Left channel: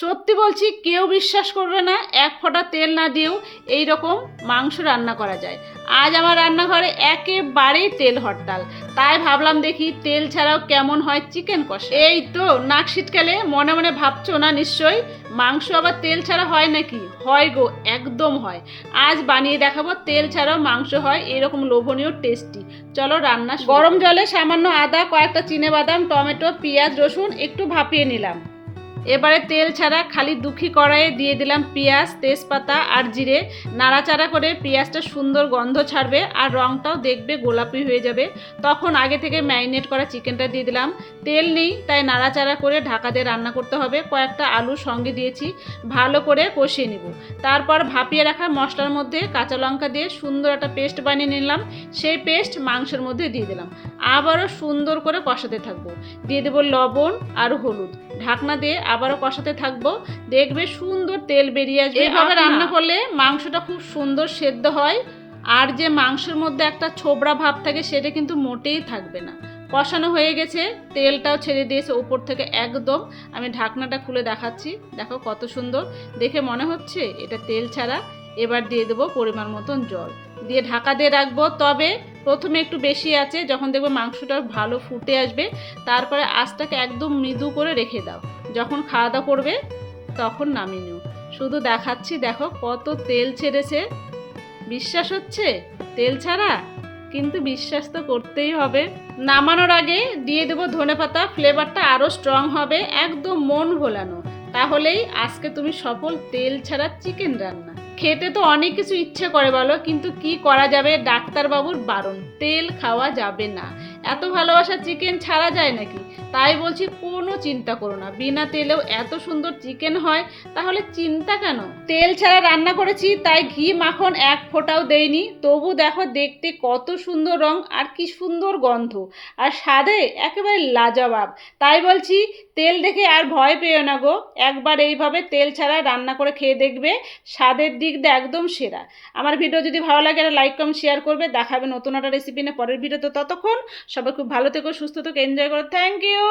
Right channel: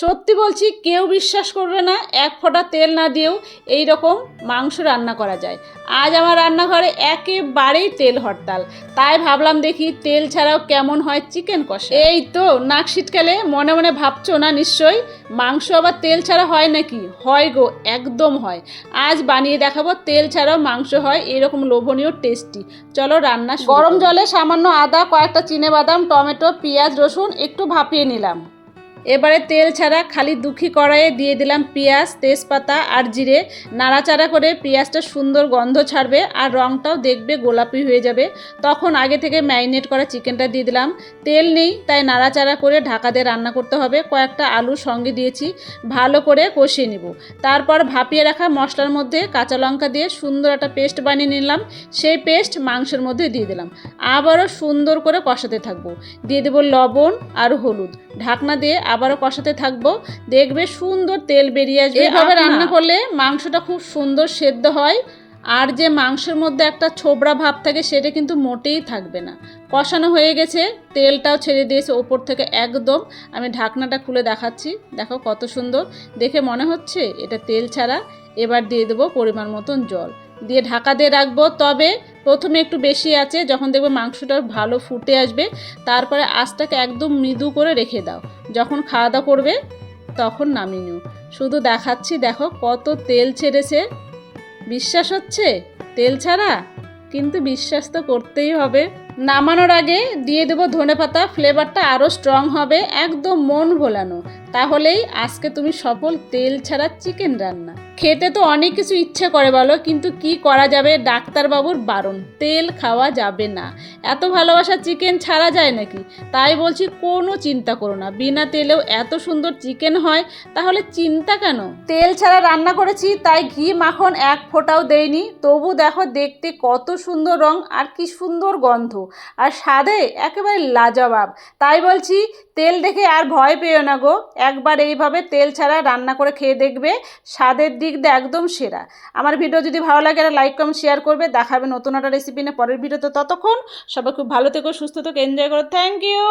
সত্যি বলছি, কেউ বিশ্বাস করবে না এক ফোঁটা তেল না দিয়েও এই রকম মাংস রান্না করা যায়। আজ আমার রান্নাঘরে একেবারেই তেল হরতাল, তাই ভাবলাম দেখি তেল ছাড়াও কেমন হয় চিকেন কষা। এই তো নাক ছিটকালে মনে মনে ভাবছো না নিশ্চয়ই, মাংস আবার তেল ছাড়া হয় নাকি? হয় গো, একদম হয়। আজ বানিয়ে দেখাবো তেল ছাড়াও মাংস হয় এরকম লোভনীয় টেস্টি। চলো রান্না। গরম জলে সামান্য আদা, কয়েকটা চিনেবাদাম, টমেটো, পেঁয়াজ, রসুন একটু ভাপিয়ে নিলাম। এবারে তেল ছাড়া খালি দুঃখী কড়াইয়ে দিয়ে দিলাম পেঁয়াজ, তেজপাতা আর জিরে। নাড়াচাড়া করে পেঁয়াজটা সুন্দর গন্ধ ছাড়বে আর রঙটাও দেখবে গোলাপি হয়ে যাবে। তখন আগে থেকে ম্যারিনেট করা চিকেনটা দিয়ে দিলাম। তেল নেই তাই নাড়াচাড়া করে ঢাকা দিয়ে রান্না করতে হবে। কয়েকটা আলু সঙ্গে দিয়েছি, ভালো করে কষিয়ে নিব। তারপর ভাপিয়ে রাখা মশলার মধ্যে কাঁচা লঙ্কা দিয়ে সুন্দর একটা পেস্ট বানিয়ে নিলাম। সেই পেস্ট মাংসের মধ্যে দিয়ে দিলাম। আবারও সুন্দর করে কষাতে থাকবো। দিয়ে দেবো লবণ আর হলুদ। ঢাকনা দিয়ে আবারও কষাতে থাকবো। দেখবে সুন্দর তেল বেরিয়ে আসবে। এইভাবে রান্না করলে মাংসটা খুব সুন্দর সেদ্ধ হয়, আর যে মাংসের মধ্যে একটা ছোবড়া ভাব থাকে সেটা কিন্তু মোটেই থাকবে না। কষানো হয়ে গেছে, তেলটাও ছেড়ে দিয়েছে ওপর থেকে একদম। আমি ঢাকনাটা খুলে দেখাচ্ছি, দেখো কত সুন্দর দেখে মনে হচ্ছে এটা তেল ছাড়া। এবার দিয়ে দেবো পরিমাণ মতন জল, দিয়ে ঢাকা দিয়ে রাখবো। তবে প্রথমে একটু বেশি আছে, যখন দেখবে মাংসটা ভালো ফুটে আসবে তারপরে আঁচটাকে একদম মৃদু করে রেখে দাও। যখন খাওয়া দাওয়া করবে তখন নামিয়ে নিও। শুধু দেখাচ্ছি, দেখো কত তেল ছেড়েছে। বিশ্বাস হচ্ছে তেল ছাড়া? কিন্তু বিশ্বাস তো করতেই হবে। নামানোর আগে দিয়ে দেবো ধনেপাতা, ফ্লেভারটা আরও স্ট্রং হবে, একদম মন ভোলানো। তাহলেই আজকে তুমি সফল তেল ছাড়া চিকেন রান্না। খেতে তো অনেক কিছু ইচ্ছে করে বলো, কিন্তু কি করা যাবে, ডাক্তারবাবুর বারণ, তেল খাওয়া যাবে না। এত ভালোবাসা চিকেন ছাড়া যায় নাকি? তাই বলছি কোনো চিন্তা করো না, বিনা তেলেও এত সুন্দর চিকেন হয়, তাহলে চিন্তা কেন? তেল ছাড়া রান্না করেছি তাই ঘি মাখন এক ফোঁটাও দেইনি, তবু দেখো দেখতে কত সুন্দর রং আর কি সুন্দর গন্ধ, আর স্বাদে একেবারে লাজবাব। তাই বলছি তেল দেখে আর ভয় পেও না গো, একবার এইভাবে তেল ছাড়া রান্না করে খেয়ে দেখবে, স্বাদের দিক দিয়ে একদম সেরা। আমার ভিডিও যদি ভালো লাগে একটা লাইক কমেন্ট শেয়ার করবে। দেখাবে নতুন একটা রেসিপি নিয়ে পরের ভিডিওতে। ততক্ষণ সবাই খুব ভালো থেকো, সুস্থ থেকো, এনজয় করো। Thank you.